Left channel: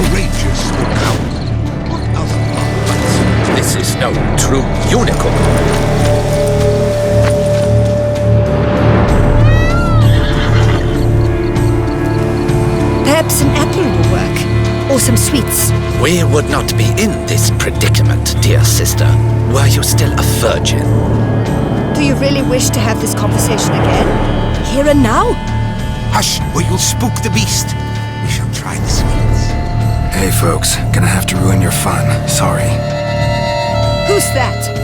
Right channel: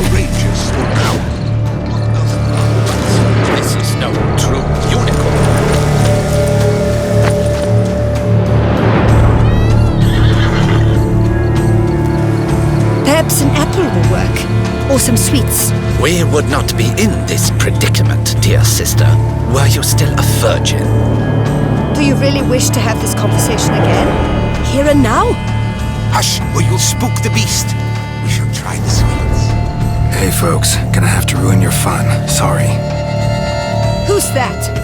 Courageous or coward? What of but this is no true unicorn. Perhaps an apple will work, or some sweets. We would not be in this predicament, dear sister, were you still a virgin. Do you really wish to have this conversation again? Here and now? Hush, or you'll spook the beast. We shall try the sweets. Hey folks, gonna have to ruin your fun. Sorry. Who's that?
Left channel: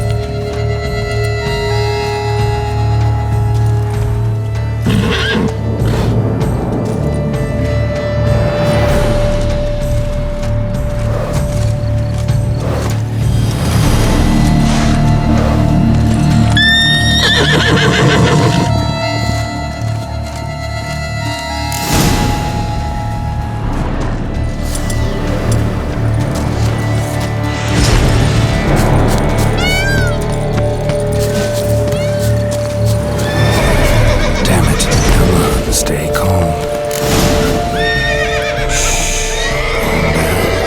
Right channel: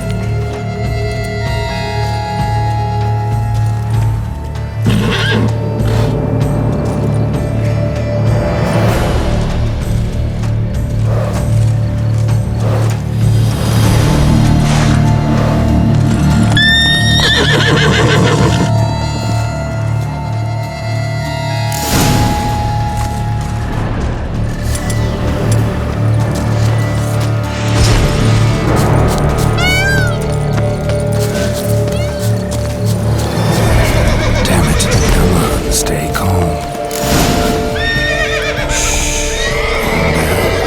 Stay calm. Shh. Calm down.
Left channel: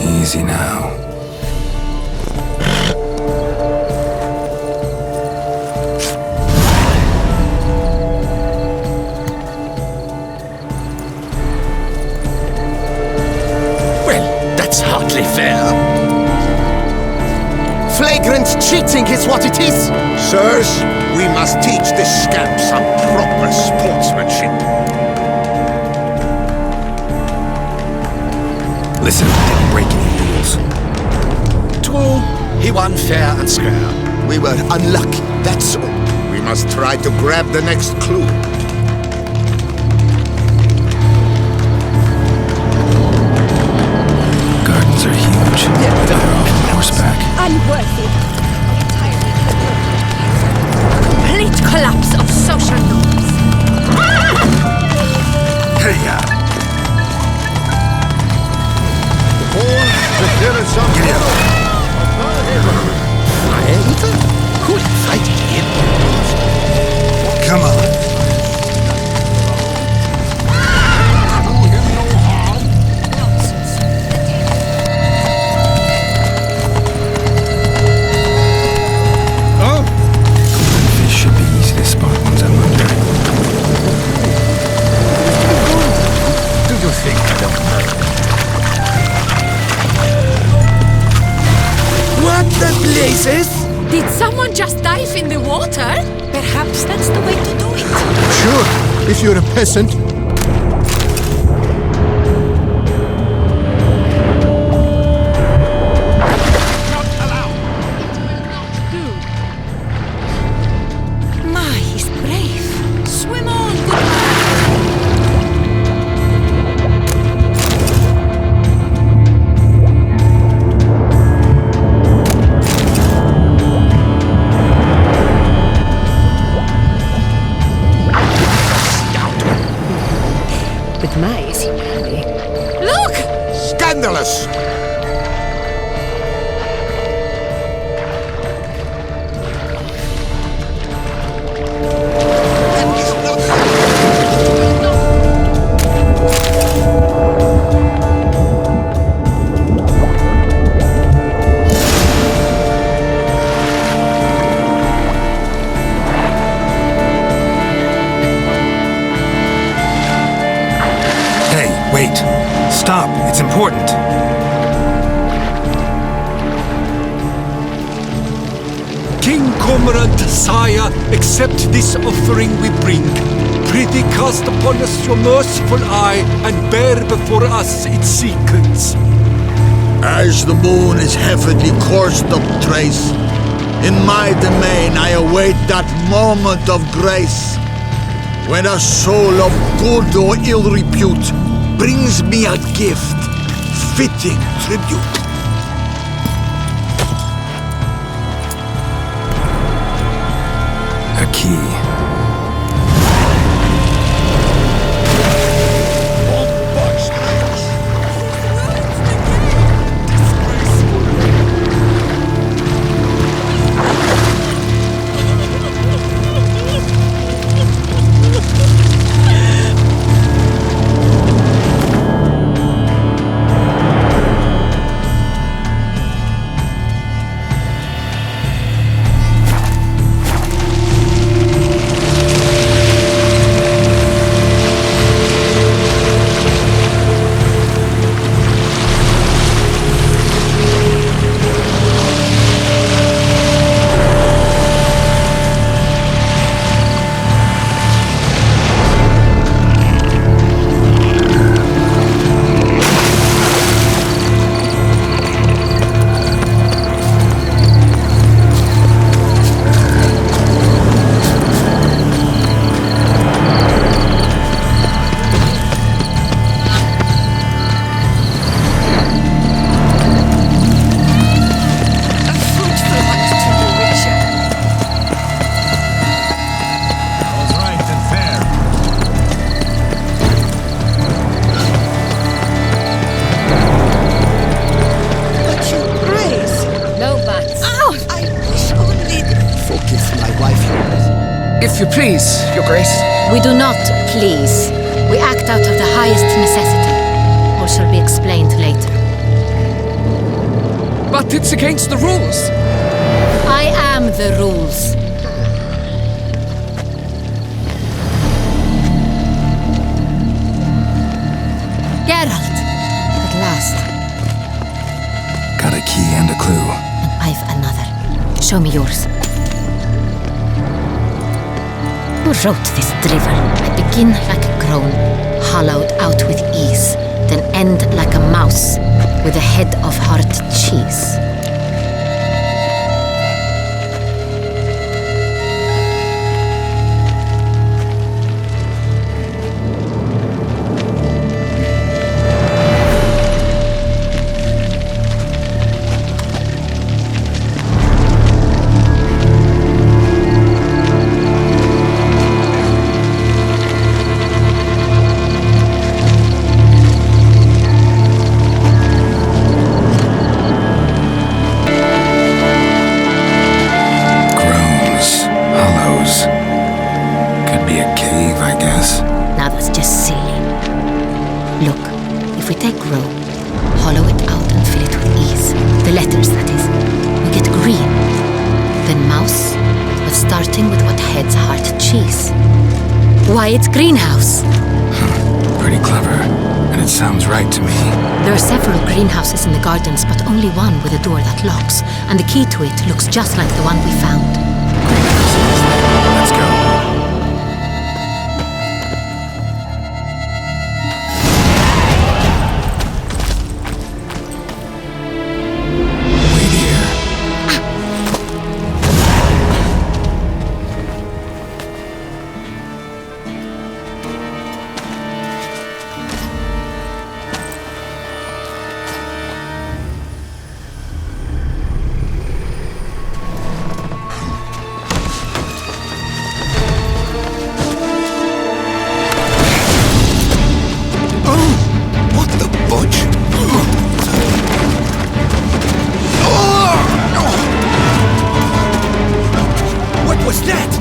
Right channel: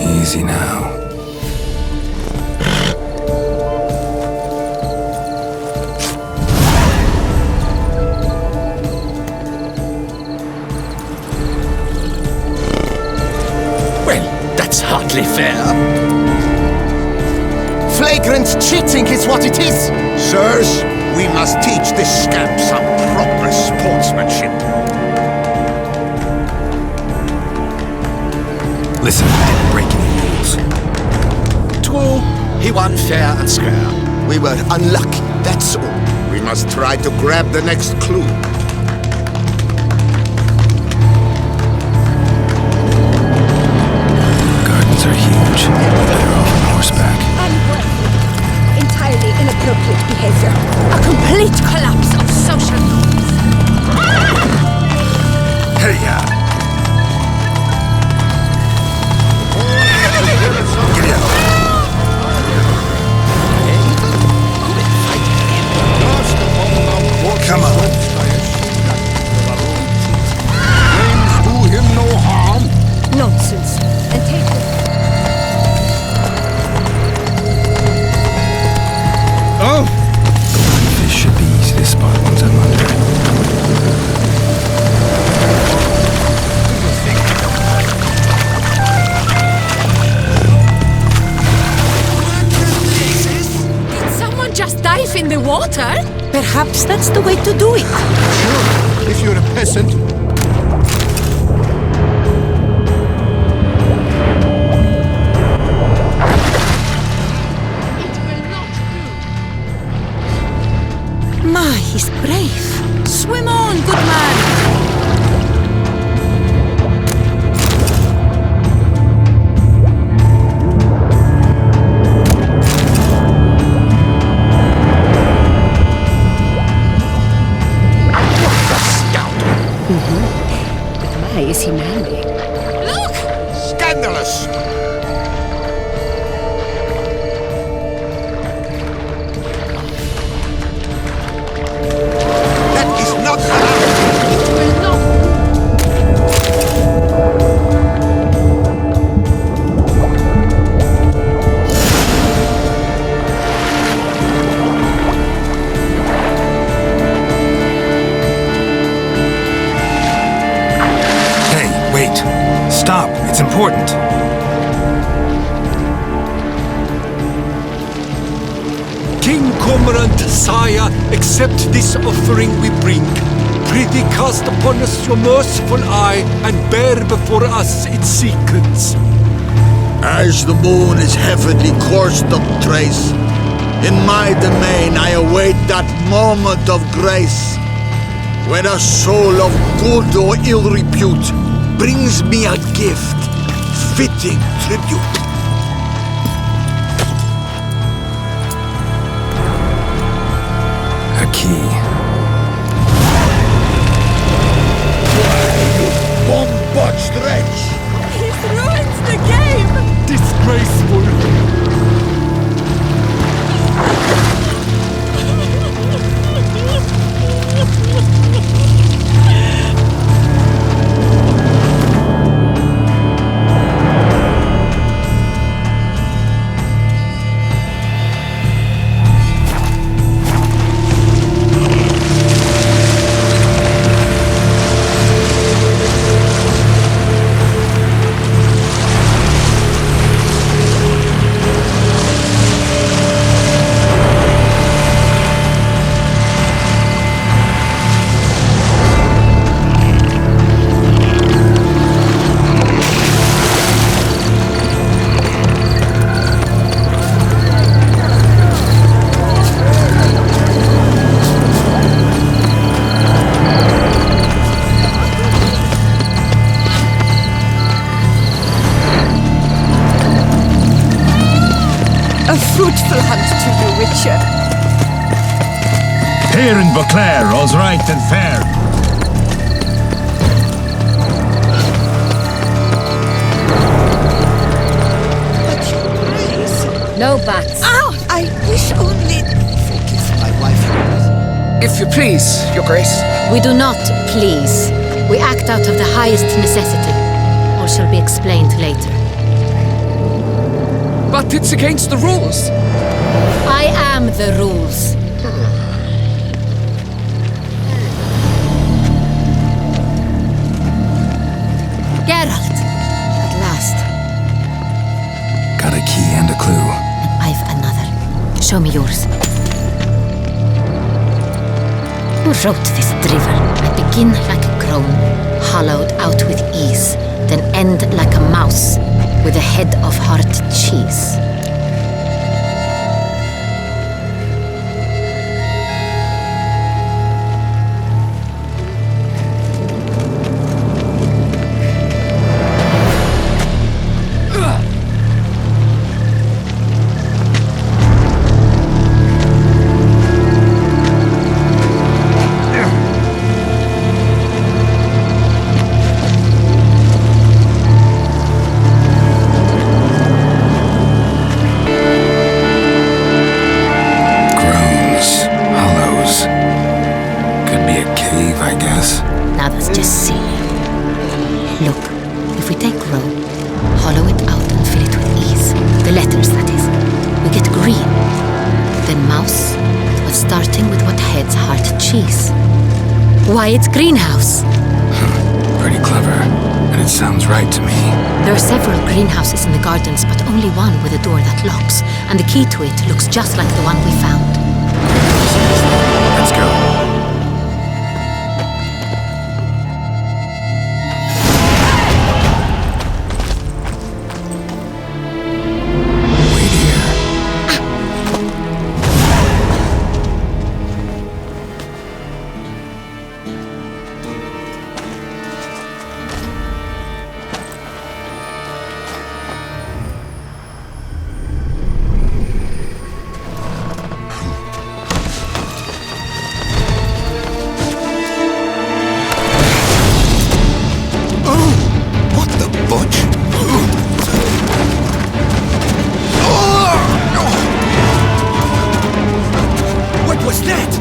Easy now. Well, that's hardly fair. Flagrant cheating is what it is! Sirs, we must teach this scamp some proper sportsmanship. Listen, we didn't break any rules. True, he won fair and square. We were unlucky, that's all. We must try to grab the next clue. Gardens are huge. We're better off on horseback. Entirely inappropriate behavior. A complete collapse of social norms. Hey-ya! Giddy up. Come on. Nonsense. And take it. Golden fish should be easy to spot once I'm under. What the blazes? Did someone just dive in the water? Perhaps that's the way to do it. Sure, if you're a peasant. He's brave. Swim on! But my, is he manly? Look! Scandalous! That is not... Hey, wait. Stop. It's important. King Cormorant, sire, accept this offering we bring. Prithee cast upon us your merciful eye, and bear before us its secrets. As the moon is heavily coursed of trace, in my domain I await that moment of grace, when a soul of good or ill repute brings me a gift, fitting tribute. A key. Stretch. He's ruined the game! Disgraceful. A fruitful hunt to you, Witcher. Here in Beauclair, all's right and fair. But you praise. No buts. Ow! I wish only... Forgive my wife, Your Grace. If you please, Your Grace. We do not please. We act out of the highest necessity. All shall be explained later. But it's against the rules. I am the rules. Geralt! At last. Got a key and a clue. And I've another. Show me yours. Who wrote this drivel? I begin like a crone, hollowed out with ease, then end like a mouse, with a head of hard cheese. Now that's just silly. Look, if we take row, hollow it out and fill it with ease, the letters, that is, we get green. Then mouse, but starting with what heads heart cheese. Why, it's greenhouse. Pretty clever. And it sounds right to me. There are several greenhouses in the gardens, but only one with a door that locks, and the key to it looks just like the one we found. Greenhouse it is then. Let's go. What was that?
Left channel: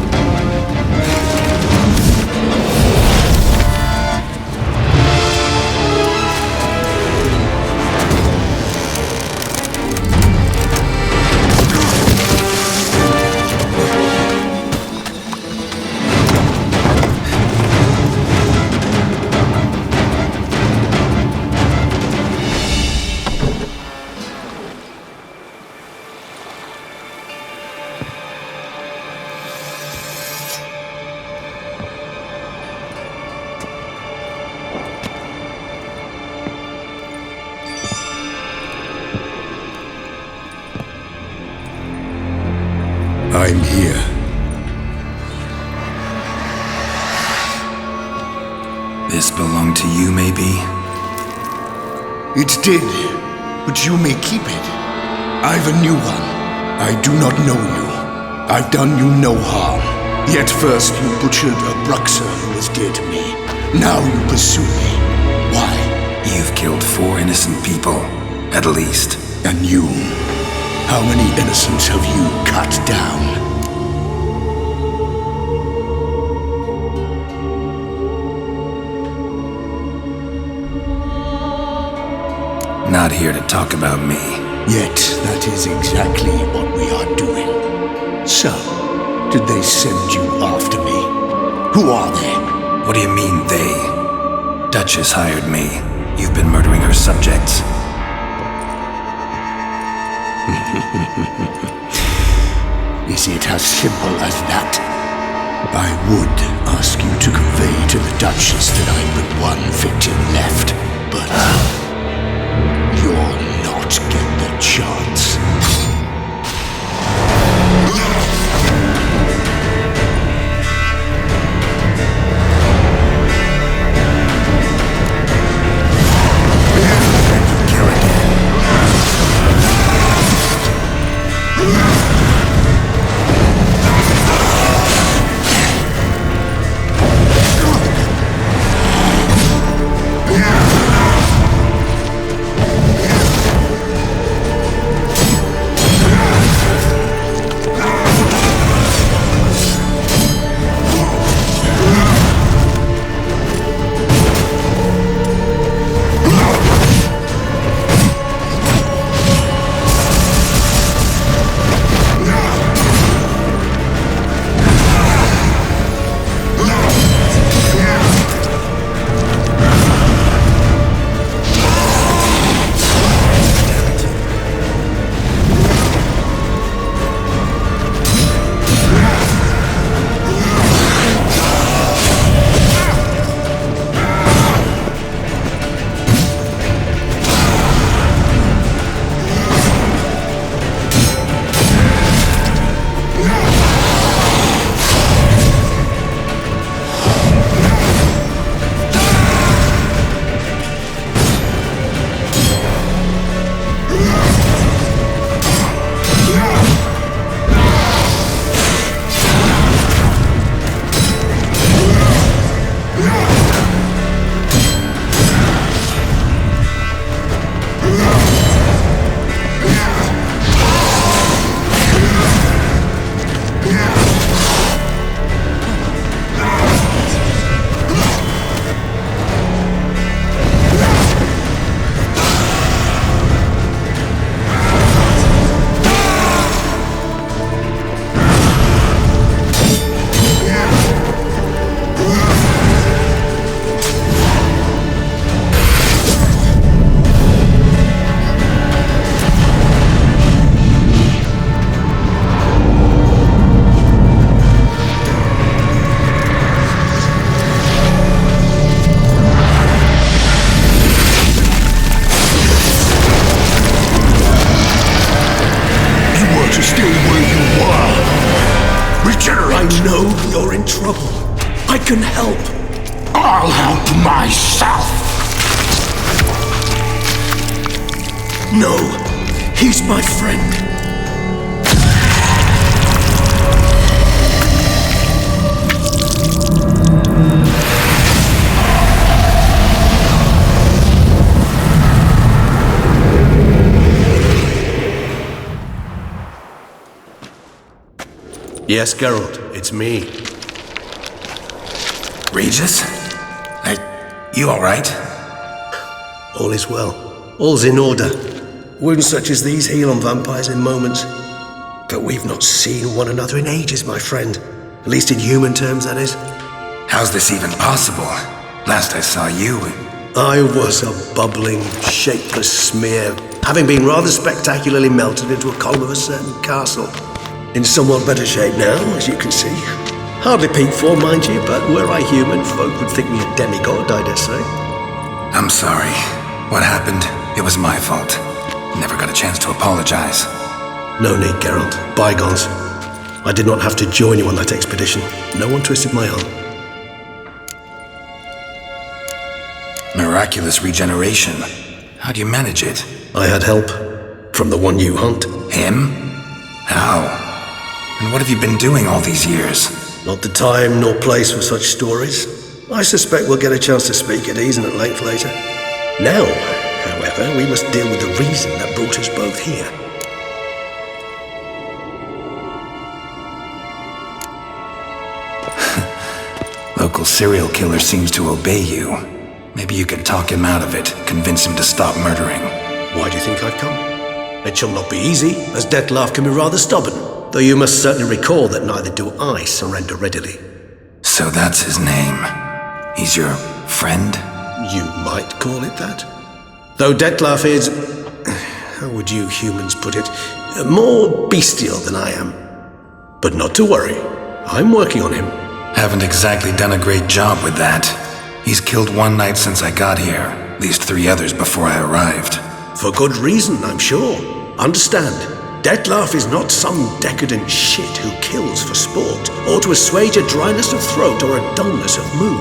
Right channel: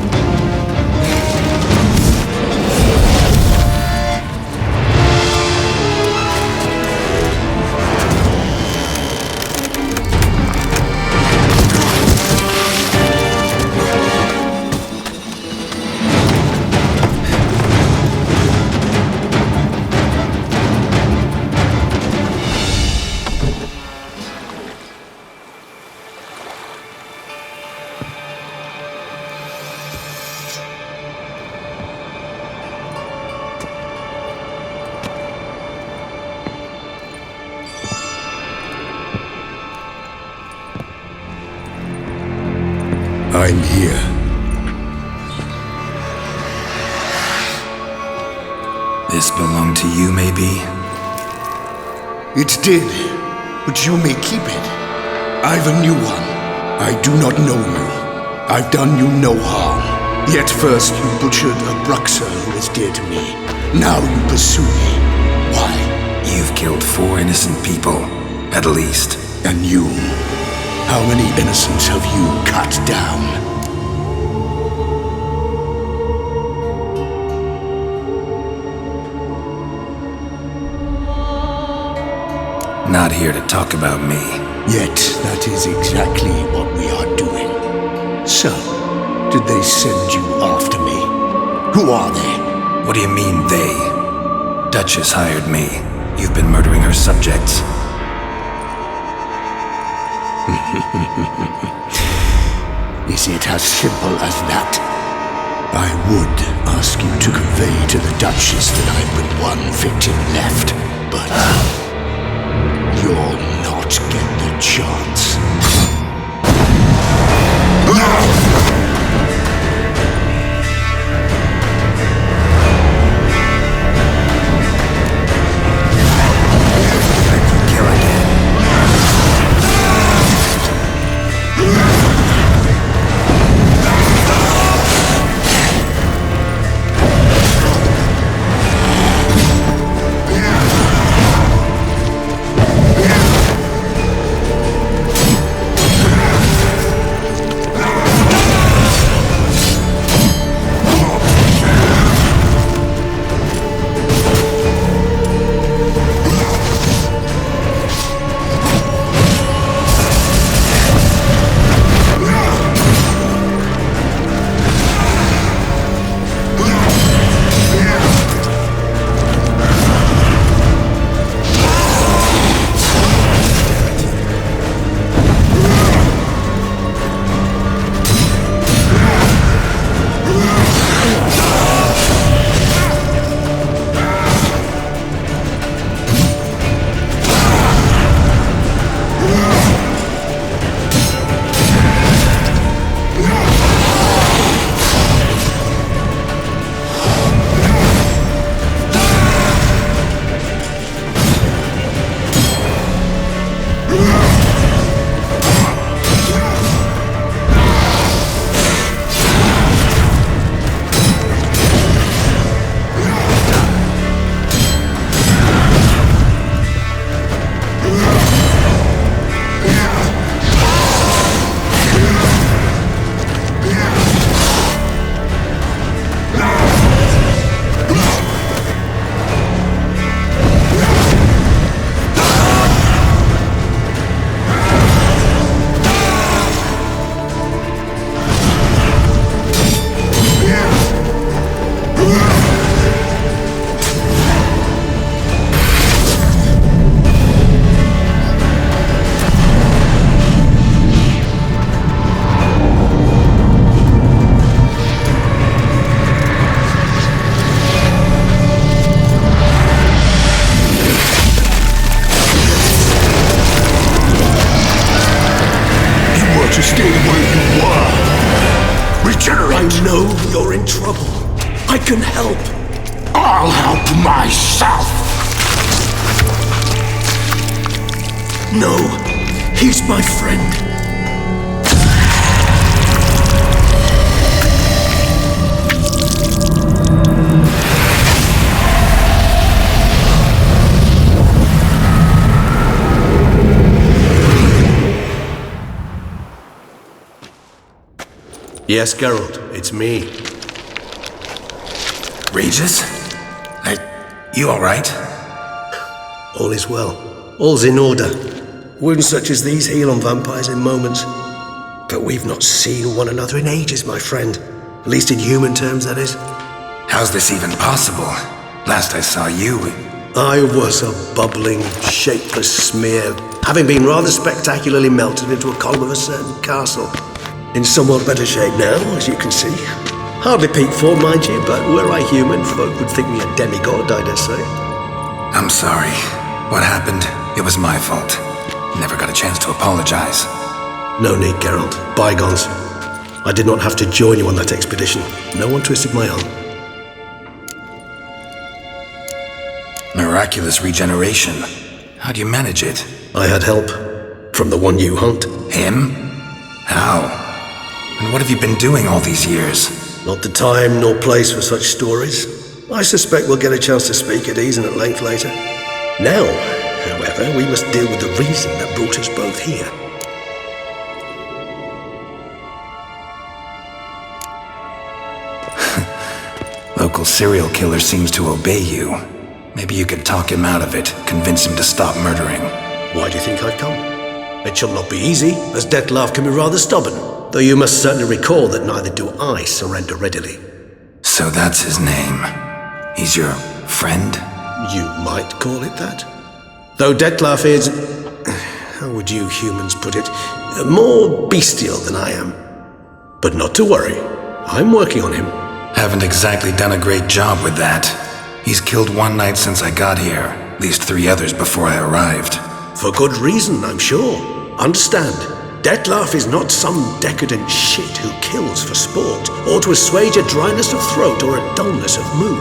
I'm here. This belonged to you, maybe? It did, but you may keep it. I've a new one. I do not know you. I've done you no harm. Yet first you butchered a Bruxer who was dear to me. Now you pursue me. Why? You've killed 4 innocent people, at least. And you? How many innocents have you cut down? Not here to talk about me. Yet that is exactly what we are doing. So, did they send you after me? Who are they? What do you mean, they? Duchess hired me. You've been murdering her subjects. Is it as simple as that? I would ask you to convey to the Duchess that I've but one victim left, but you'll not get the chance. Let you kill again. To stay where you were. Regenerate! I know you're in trouble. I can help. I'll help myself! No, he's my friend. Yes, Geralt, it's me. Regis? You alright? All is well. All's in order. Wounds such as these heal on vampires in moments. But we've not seen one another in ages, my friend. At least in human terms, that is. How's this even possible? Last I saw you... I was a bubbling, shapeless smear, having been rather spectacularly melted into a column of a certain castle. In somewhat better shape now, as you can see. Hardly peak form, mind you, but were I human, folk would think me a demigod, I dare say. I'm sorry. What happened, it was my fault. Never got a chance to apologize. No need, Geralt. Bygones. I did not have to join you on that expedition. No one twisted my arm. Miraculous regeneration. How do you manage it? I had help. From the one you hunt. Him? How? And what have you been doing all these years? Not the time nor place for such stories. I suspect we'll get a chance to speak at ease and at length later. Now, however, we must deal with the reason that brought us both here. Local serial killer seems to obey you. Maybe you could talk him out of it, convince him to stop murdering. Why do you think I've come? It shall not be easy, as Dettlaff can be rather stubborn. Though you must certainly recall that neither do I surrender readily. So that's his name. He's your friend? You might call it that. Though Dettlaff is, how would you humans put it, more bestial than I am. But not to worry, I'm working on him. Haven't exactly done a great job with that. He's killed one knight since I got here, at least 3 others before I arrived. For good reason, I'm sure. Understand, Dettlaff is not some decadent shit who kills for sport, or to assuage a dryness of throat or a dullness of mood.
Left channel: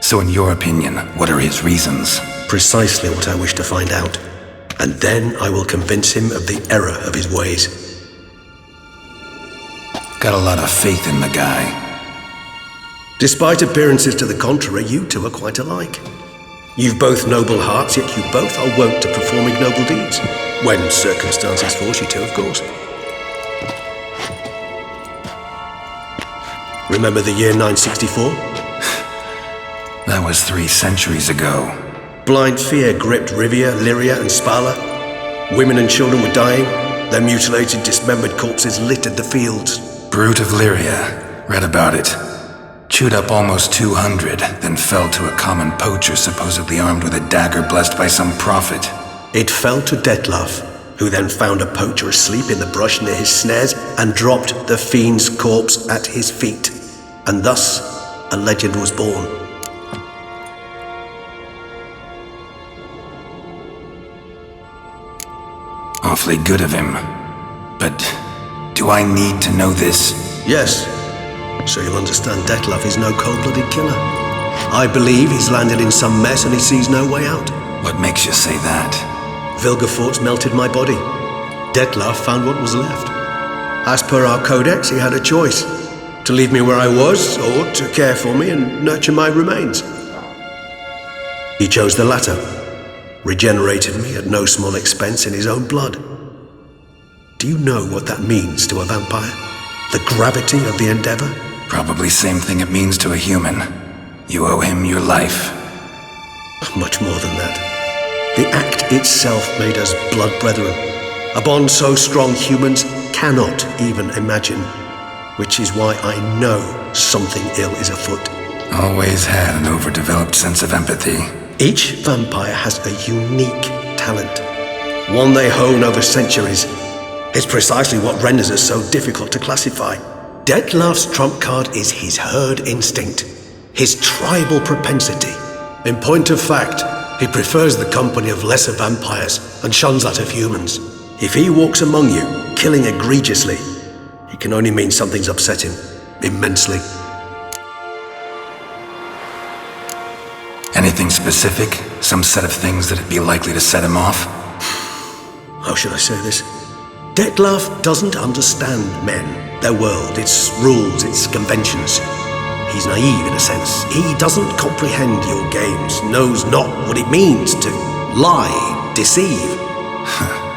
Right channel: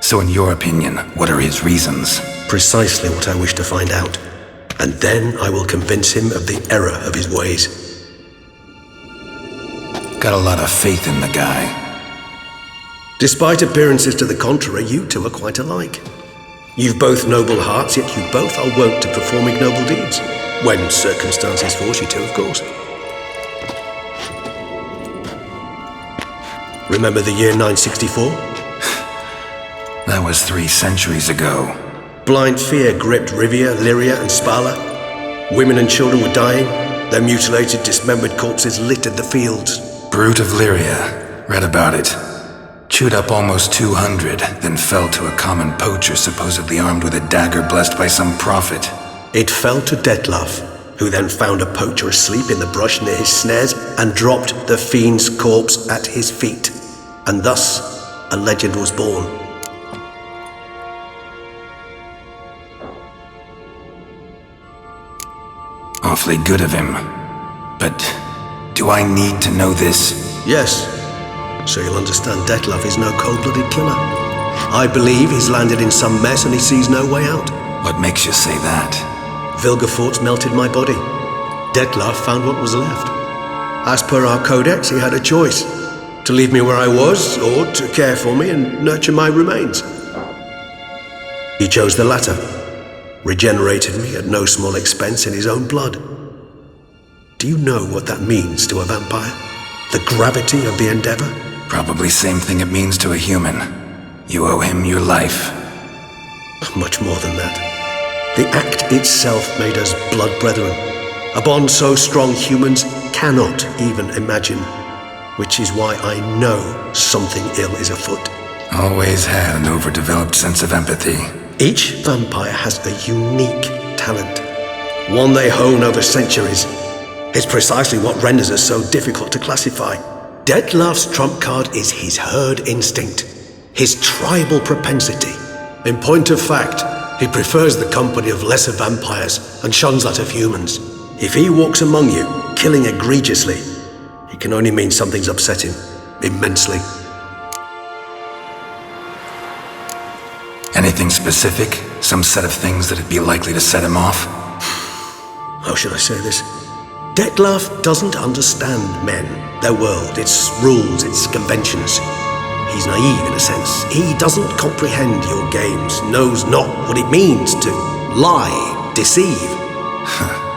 So in your opinion, what are his reasons? Precisely what I wish to find out. And then I will convince him of the error of his ways. Got a lot of faith in the guy. Despite appearances to the contrary, you two are quite alike. You've both noble hearts, yet you both are wont to perform ignoble deeds. When circumstances force you to, of course. Remember the year 964? That was 3 centuries ago. Blind fear gripped Rivia, Lyria, and Spala. Women and children were dying. Their mutilated, dismembered corpses littered the fields. Brute of Lyria. Read about it. Chewed up almost 200, then fell to a common poacher supposedly armed with a dagger blessed by some prophet. It fell to Dettlaff, who then found a poacher asleep in the brush near his snares and dropped the fiend's corpse at his feet. And thus, a legend was born. Awfully good of him. But do I need to know this? Yes. So you'll understand Dettlaff is no cold-blooded killer. I believe he's landed in some mess and he sees no way out. What makes you say that? Vilgefortz melted my body. Dettlaff found what was left. As per our codex, he had a choice. To leave me where I was, or to care for me and nurture my remains. He chose the latter. Regenerated me at no small expense in his own blood. Do you know what that means to a vampire? The gravity of the endeavor? Probably same thing it means to a human. You owe him your life. Much more than that. The act itself made us blood brethren. A bond so strong humans cannot even imagine. Which is why I know something ill is afoot. Always had an overdeveloped sense of empathy. Each vampire has a unique talent. One they hone over centuries. It's precisely what renders us so difficult to classify. Dettlaff's trump card is his herd instinct. His tribal propensity. In point of fact, he prefers the company of lesser vampires and shuns that of humans. If he walks among you, killing egregiously, it can only mean something's upset him, immensely. Anything specific? Some set of things that'd be likely to set him off? How should I say this? Dettlaff doesn't understand men, their world, its rules, its conventions. He's naive in a sense. He doesn't comprehend your games, knows not what it means to lie, deceive.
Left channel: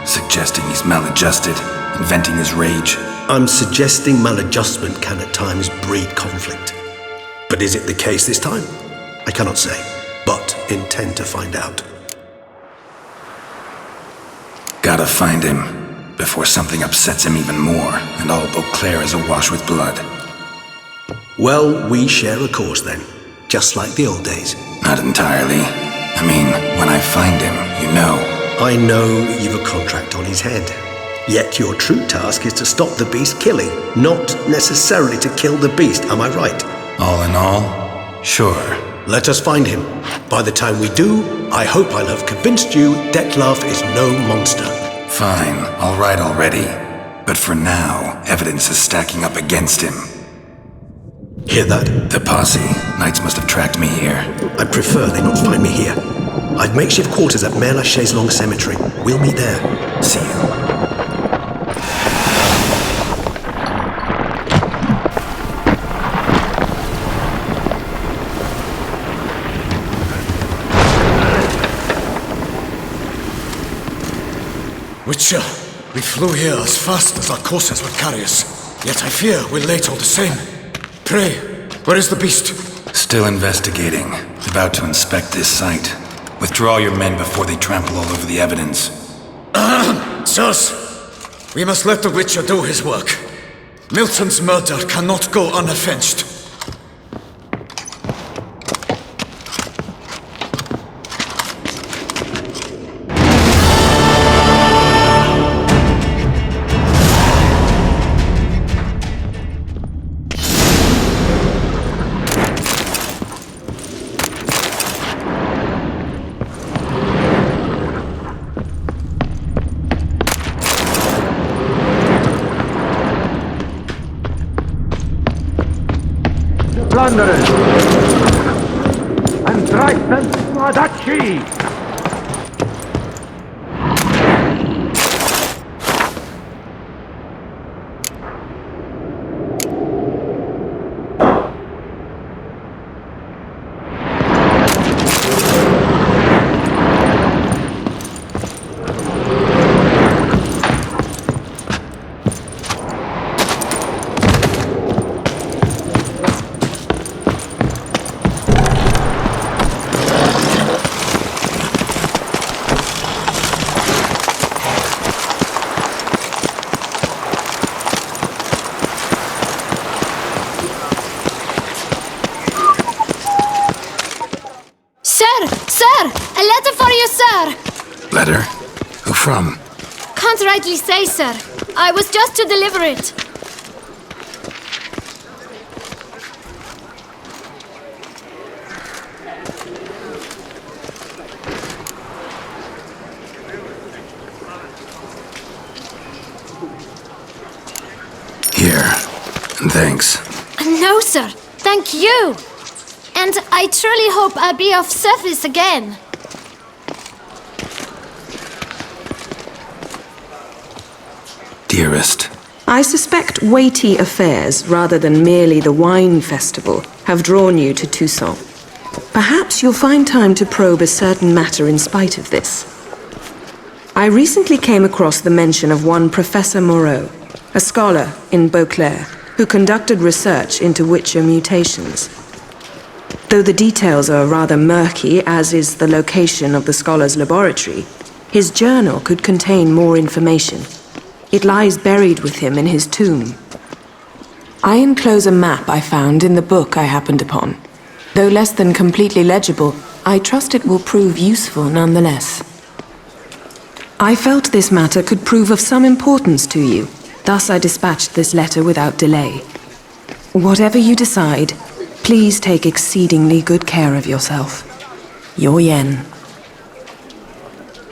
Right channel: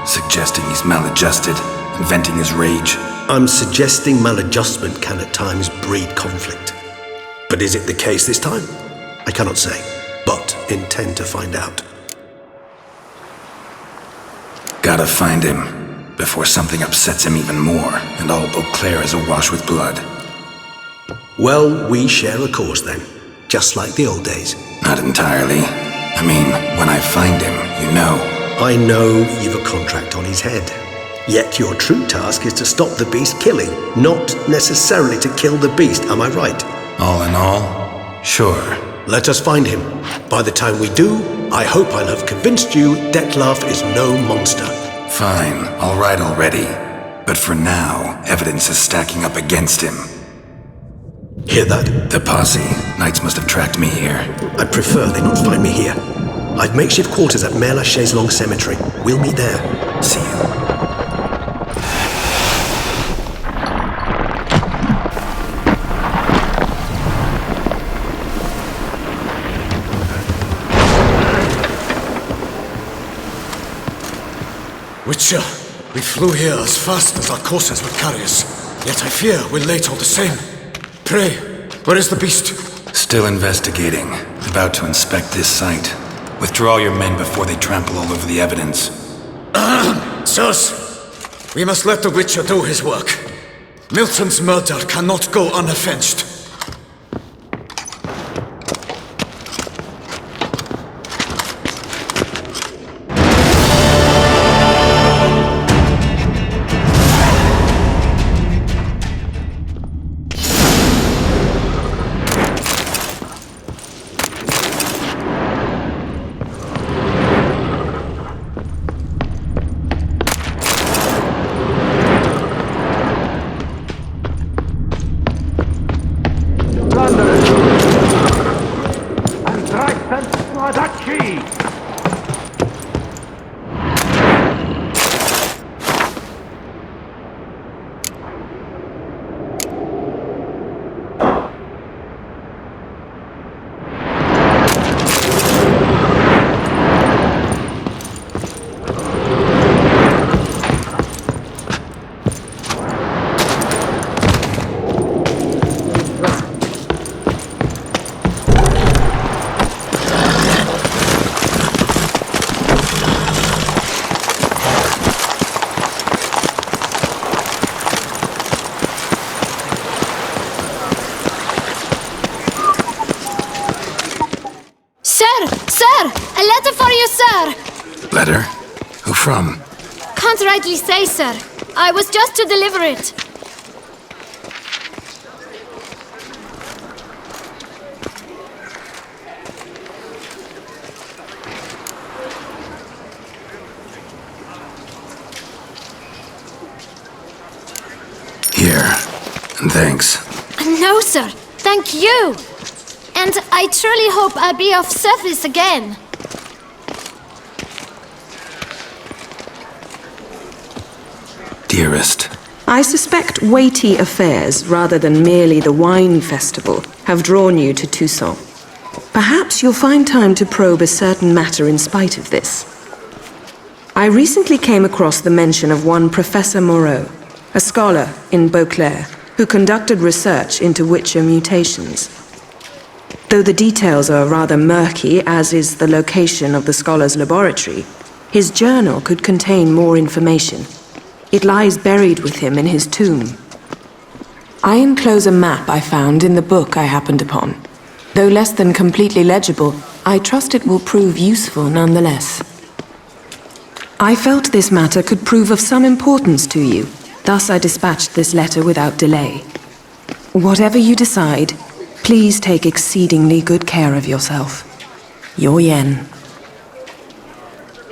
Suggesting he's maladjusted, inventing his rage. I'm suggesting maladjustment can at times breed conflict. But is it the case this time? I cannot say, but intend to find out. Gotta find him, before something upsets him even more, and all Beauclair is awash with blood. Well, we share a cause then, just like the old days. Not entirely. I mean, when I find him, you know. I know you've a contract on his head. Yet your true task is to stop the beast killing, not necessarily to kill the beast, am I right? All in all, sure. Let us find him. By the time we do, I hope I'll have convinced you Dettlaff is no monster. Fine, all right already. But for now, evidence is stacking up against him. Hear that? The posse. Knights must have tracked me here. I'd prefer they not find me here. I've makeshift quarters at Mère Lachaise Long Cemetery. We'll meet there. See you. Witcher, we flew here as fast as our courses would carry us. Yet I fear we're late all the same. Pray, where is the beast? Still investigating. About to inspect this site. Withdraw your men before they trample all over the evidence. Sirs, we must let the Witcher do his work. Milton's murder cannot go unavenged. Sir! A letter for you, sir! Letter? Who from? Can't rightly say, sir. I was just to deliver it. Here. And thanks. No, sir. Thank you. And I truly hope I'll be of service again. Dearest. I suspect weighty affairs, rather than merely the wine festival, have drawn you to Toussaint. Perhaps you'll find time to probe a certain matter in spite of this. I recently came across the mention of one Professor Moreau, a scholar in Beauclair, who conducted research into Witcher mutations. Though the details are rather murky, as is the location of the scholar's laboratory, his journal could contain more information. It lies buried with him in his tomb. I enclose a map I found in the book I happened upon. Though less than completely legible, I trust it will prove useful nonetheless. I felt this matter could prove of some importance to you, thus I dispatched this letter without delay. Whatever you decide, please take exceedingly good care of yourself. Your Yen.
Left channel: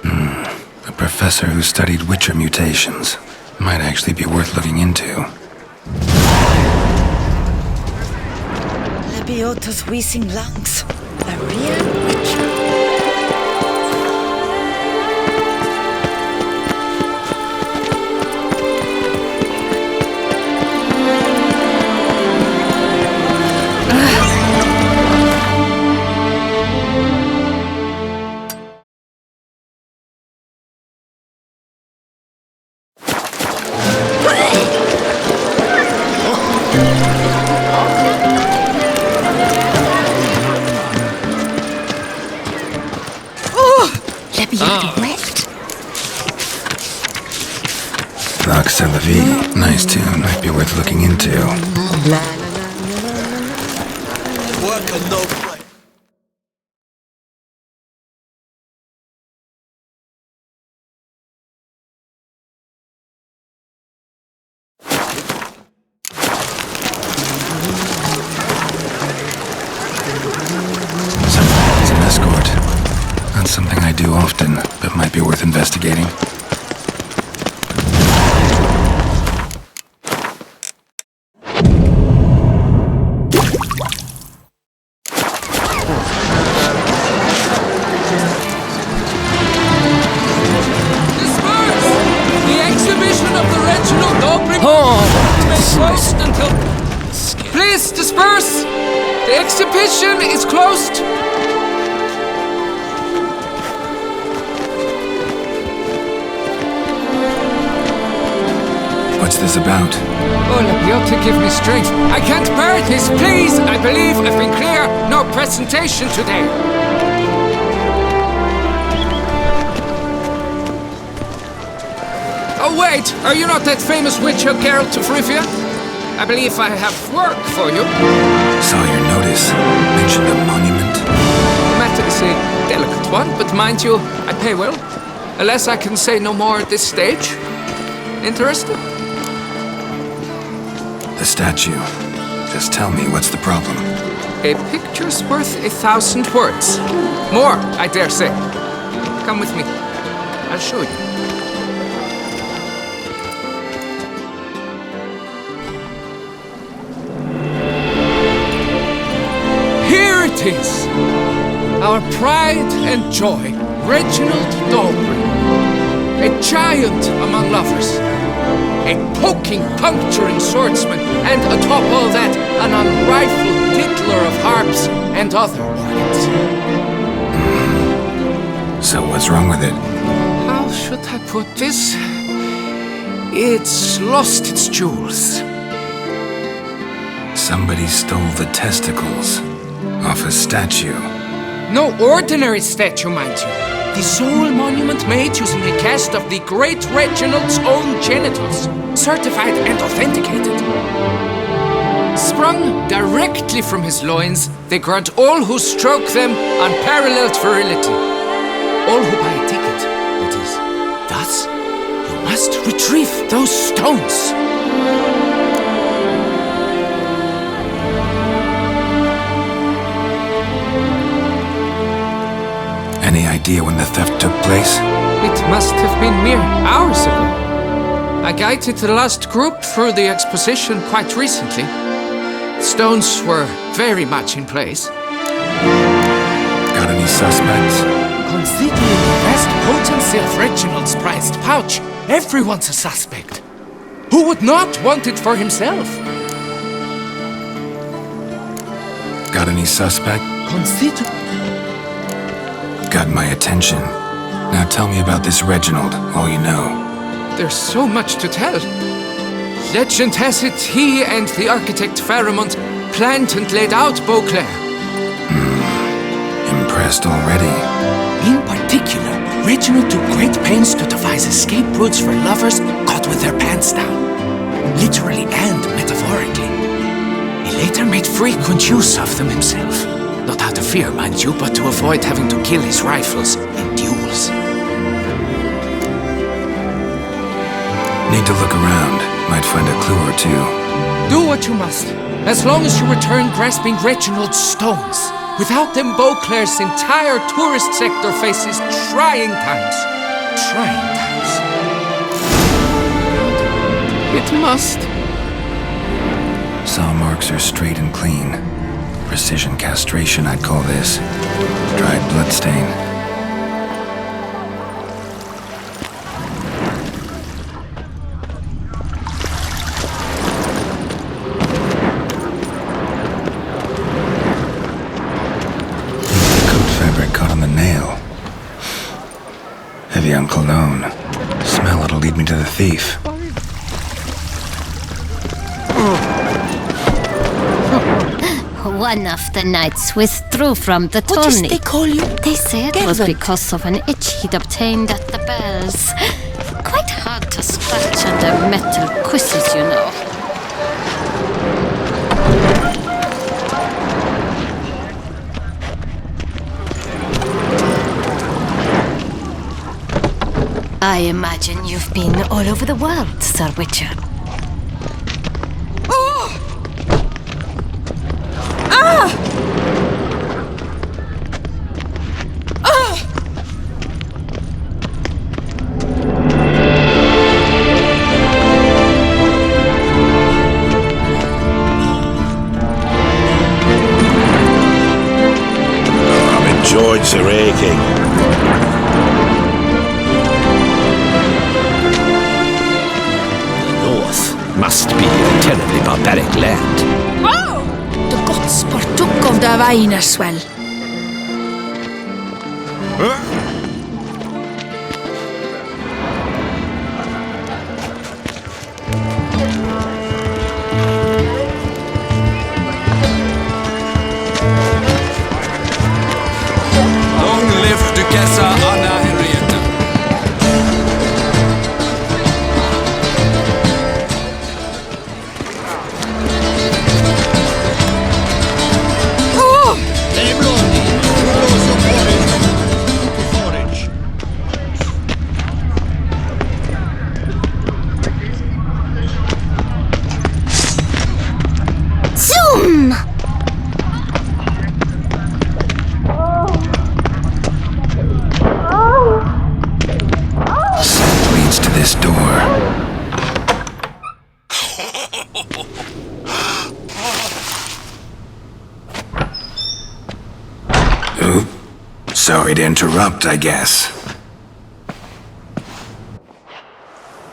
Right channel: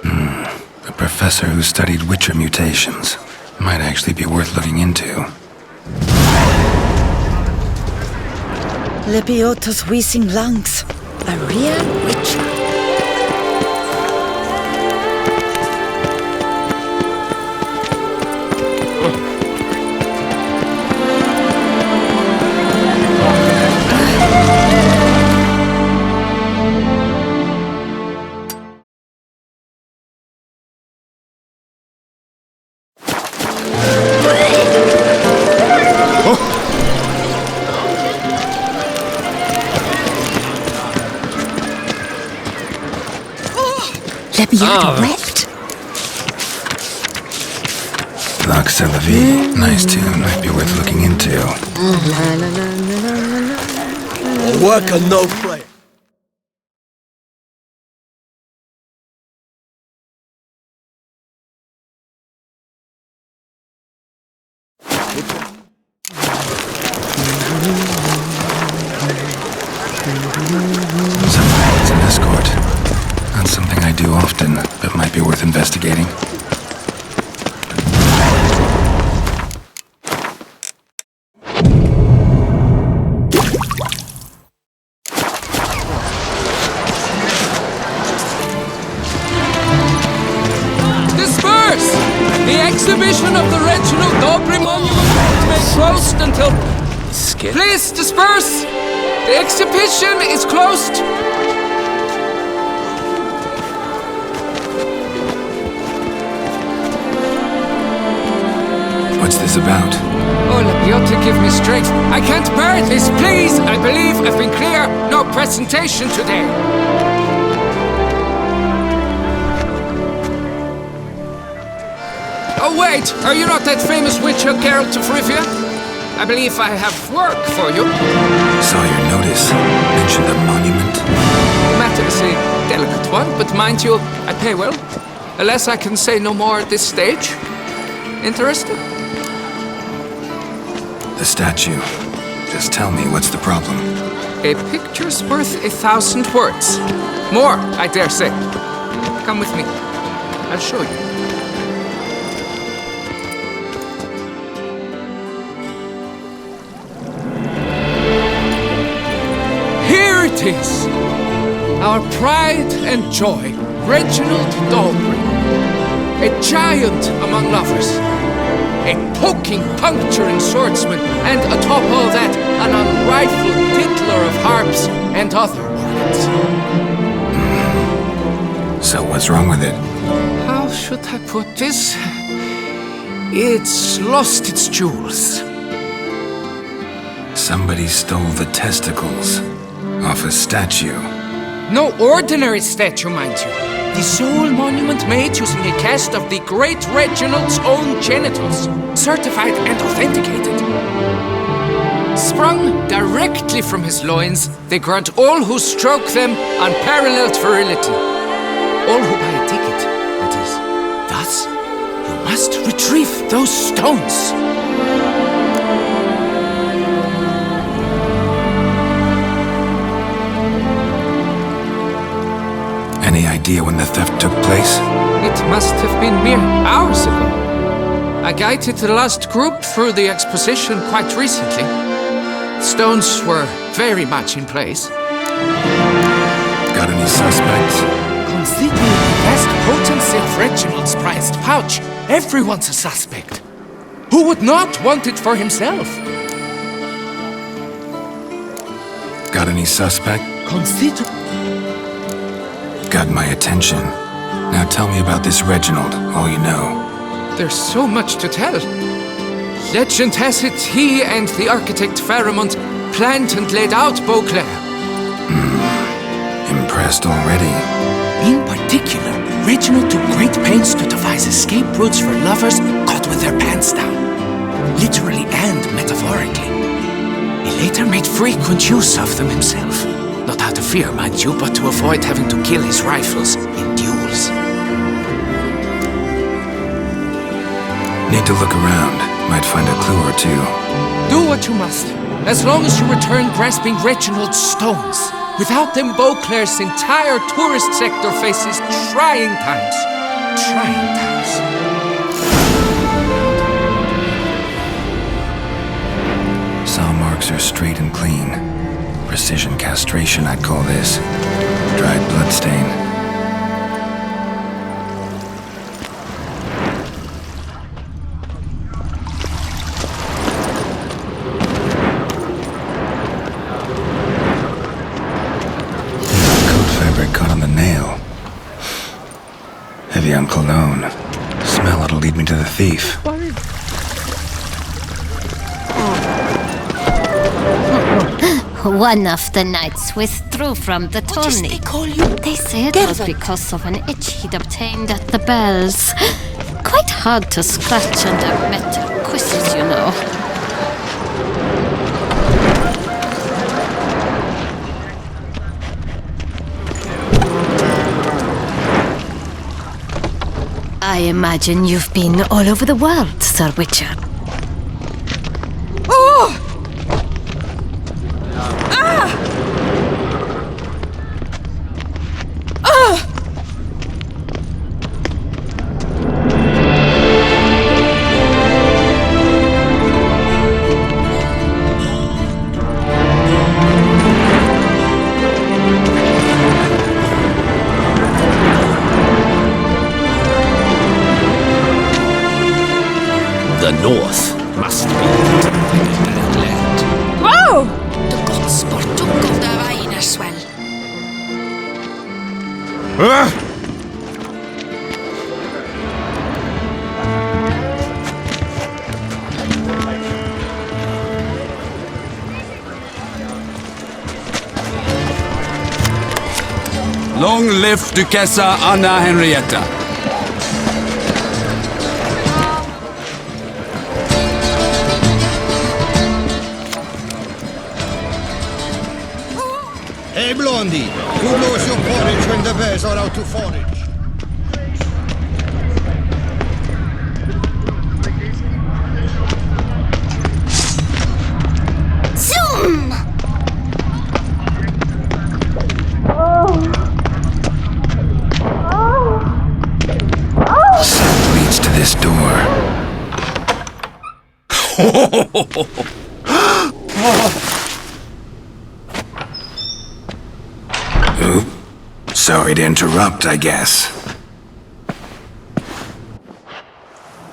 A professor who studied Witcher mutations. Might actually be worth looking into. Lebiotus Wiesing Lungs. A real witcher. Vox à la vie. Nice tune. Might be worth looking into. Work and no play. Somebody needs an escort. Not something I do often, but might be worth investigating. exhibition of the Reginald Dobry monument will remain closed until... Please disperse! The exhibition is closed! What's this about? Oh, Labiote, give me strength. I can't bear this, please! I believe I've been clear. No presentation today. Oh, wait! Are you not that famous witcher, Geralt of Rivia? I believe I have work for you. Saw your notice. Mentioned a monument. The matter is a delicate one, but mind you, I pay well. Alas, I can say no more at this stage. Interested? The statue. Just tell me, what's the problem? A picture's worth 1,000 words. More, I dare say. Come with me. I'll show you. Here it is! Our pride and joy, Reginald Dalbury. A giant among lovers. A poking, puncturing swordsman, and atop all that, an unrifled tittler of harps and other organs. So what's wrong with it? How should I put this? It's lost its jewels. Somebody stole the testicles off a statue. No ordinary statue, mind you. The sole monument made using a cast of the great Reginald's own genitals, certified and authenticated. Sprung directly from his loins, they grant all who stroke them unparalleled virility. All who buy a ticket, that is. Thus, you must retrieve those stones. Any idea when the theft took place? It must have been mere hours ago. I guided the last group through the exposition quite recently. Stones were very much in place. Got any suspects? Considering the vast potency of Reginald's prized pouch, everyone's a suspect. Who would not want it for himself? Got any suspect? Got my attention. Now tell me about this Reginald, all you know. There's so much to tell. Legend has it he and the architect Faramond planned and laid out Beauclair. Impressed already. In particular, Reginald took great pains to devise escape routes for lovers caught with their pants down. Literally and metaphorically. He later made frequent use of them himself. Not out of fear, mind you, but to avoid having to kill his rivals in duels. Need to look around. Might find a clue or two. Do what you must, as long as you return grasping Reginald's stones. Without them, Beauclair's entire tourist sector faces trying times. Trying times. It must. Saw marks are straight and clean. Precision castration, I'd call this. Dried bloodstain. Piece of coat fabric caught on the nail. Heavy on cologne. Smell it'll lead me to the thief. One of the knights withdrew from the tourney. What is they call you? They say it was because of an itch he'd obtained at the bells. Quite hard to scratch under metal quizzes, you know. I imagine you've been all over the world, Sir Witcher. Oh! north must be a terribly barbaric land. Wow! The gods partook of the wine as well. Long live Duchessa Anna Henrietta. Hey, Blondie, who blows your porridge when the bears are out to forage? Zoom! Scent leads to this door. Oop. Sorry to interrupt, I guess.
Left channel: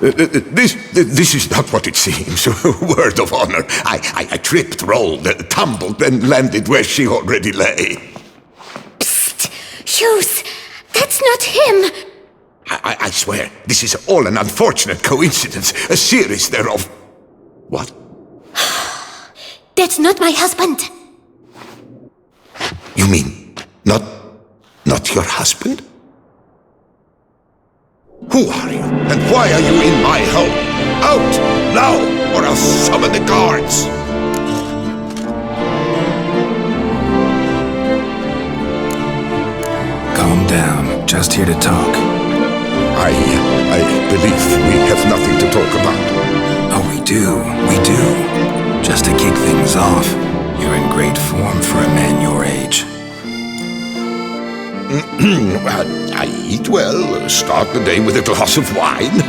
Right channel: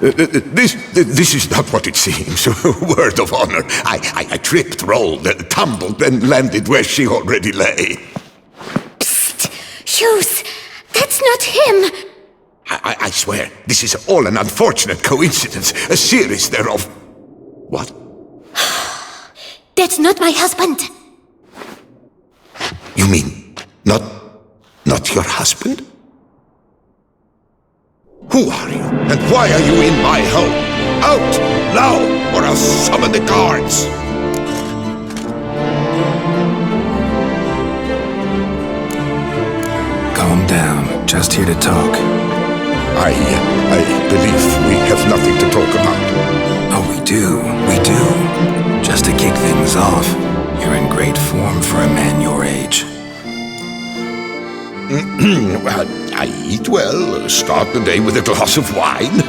This is not what it seems. Word of honor. I tripped, rolled, tumbled, and landed where she already lay. Psst! Hughes! That's not him! I swear, this is all an unfortunate coincidence. A series thereof. What? That's not my husband! You mean, not your husband? Who are you? And why are you in my home? Out! Now! Or I'll summon the guards! Calm down. Just here to talk. I believe we have nothing to talk about. Oh, we do. Just to kick things off, you're in great form for a man your age. I eat well, start the day with a glass of wine.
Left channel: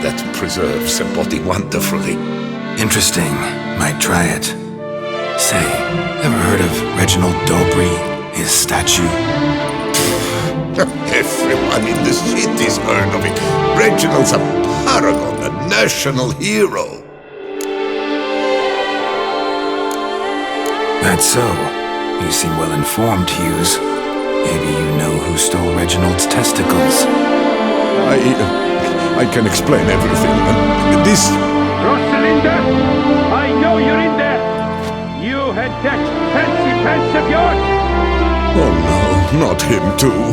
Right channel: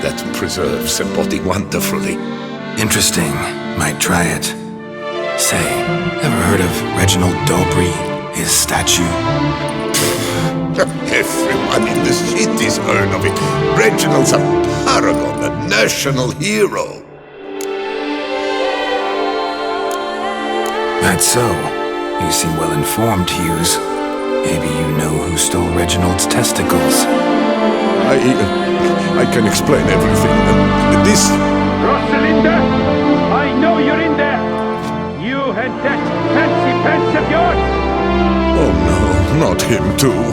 That preserves the body wonderfully. Interesting. Might try it. Say, ever heard of Reginald Dobry, his statue? Everyone in the city's heard of it. Reginald's a paragon, a national hero. That's so. You seem well informed, Hughes. Maybe you know who stole Reginald's testicles. I can explain everything. This... Rosalinda! I know you're in there! You and that fancy pants of yours! Oh no, not him too.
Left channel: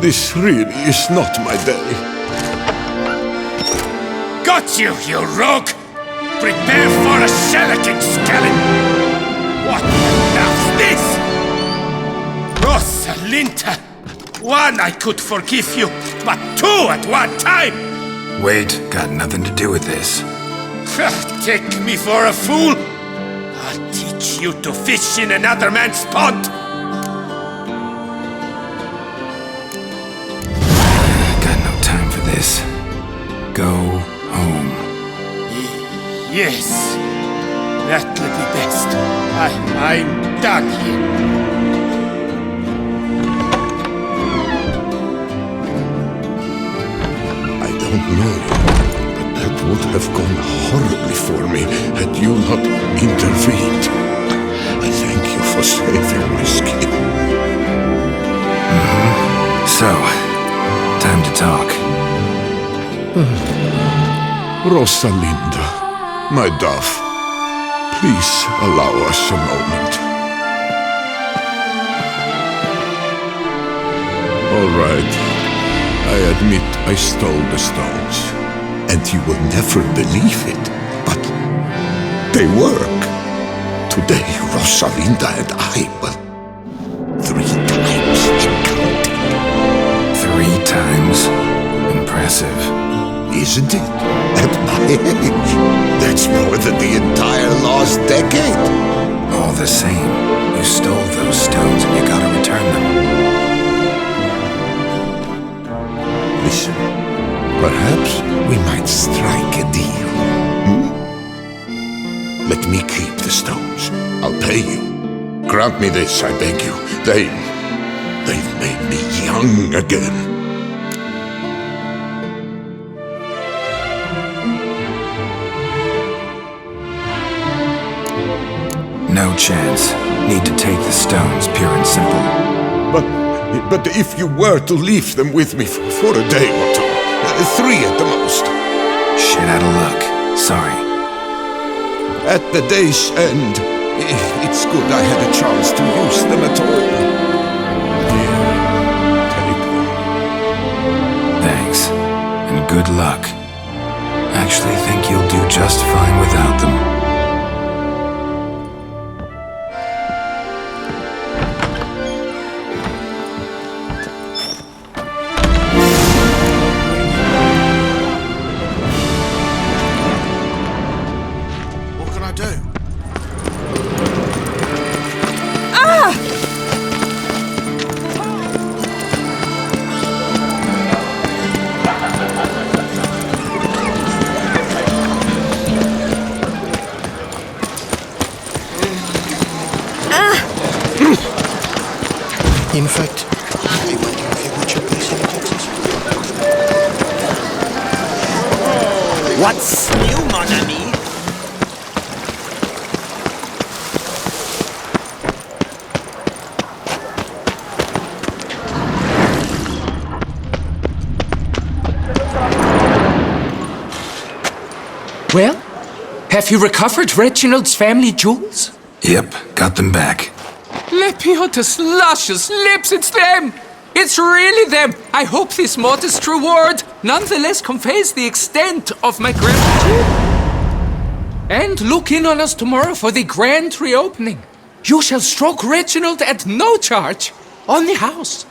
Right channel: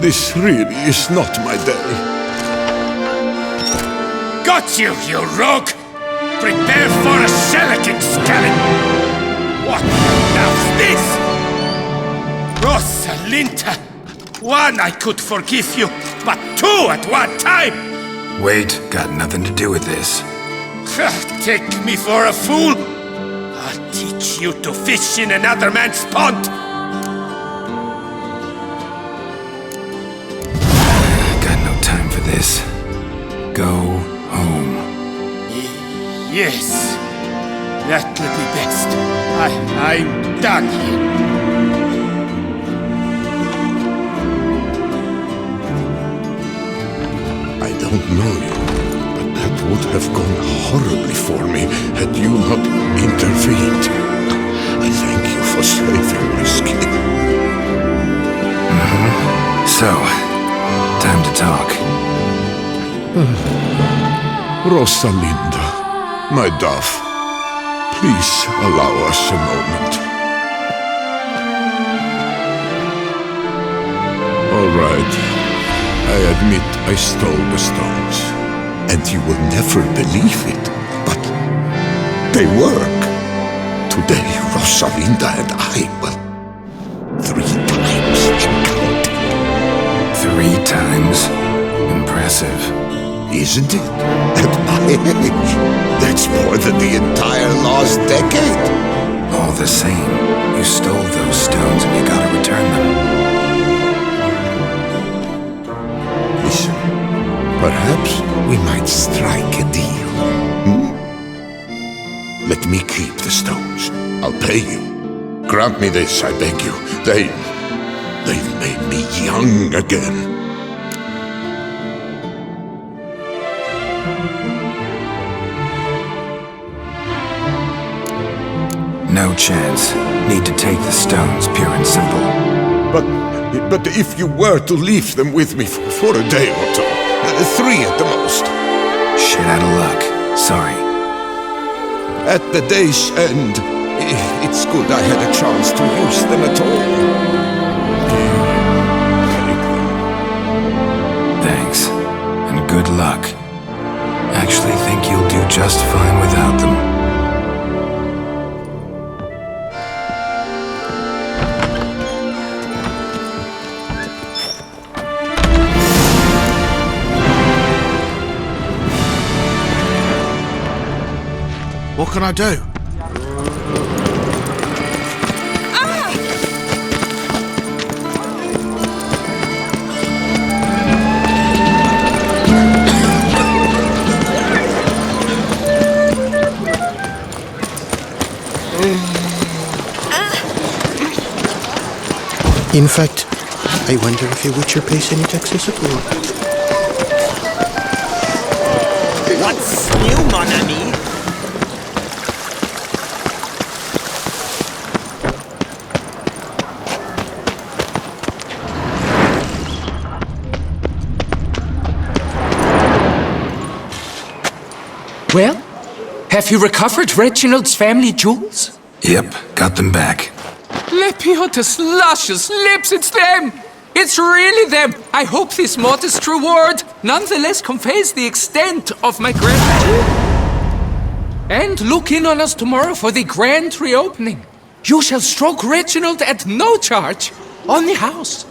This really is not my day. Got you, you rogue! Prepare for a shellacking, scallop! What the hell's this? Rosalinda! One I could forgive you, but two at one time! Wait, got nothing to do with this. Take me for a fool? I'll teach you to fish in another man's pond! Got no time for this. Go home. Yes, that'll be best. I'm done here. I don't know you, but that would have gone horribly for me had you not intervened. I thank you for saving my skin. So, time to talk. Rosalinda, my dove, please allow us a moment. All right. I admit I stole the stones, and you will never believe it, but they work. Today, Rosalinda and I, well, 3 times and counting. 3 times? Impressive. Isn't it? At my age, that's more than the entire last decade. All the same, you stole those stones and you gotta return them. Listen, perhaps we might strike a deal. Let me keep the stones. I'll pay you. Grant me this, I beg you. They've made me young again. No chance. Need to take the stones, pure and simple. But if you were to leave them with me for a day or two, 3 at the most. Shit out of luck. Sorry. At the day's end, it's good I had a chance to use them at all. Here, take them. Thanks. And good luck. Actually think you'll do just fine without them. What can I do? In fact, I wonder if you would place any taxi support. That's new, mon ami. Well, have you recovered Reginald's family jewels? Yep, got them back. Lepiotus luscious lips, it's them! It's really them! I hope this modest reward nonetheless conveys the extent of my gratitude. And look in on us tomorrow for the grand reopening. You shall stroke Reginald at no charge on the house.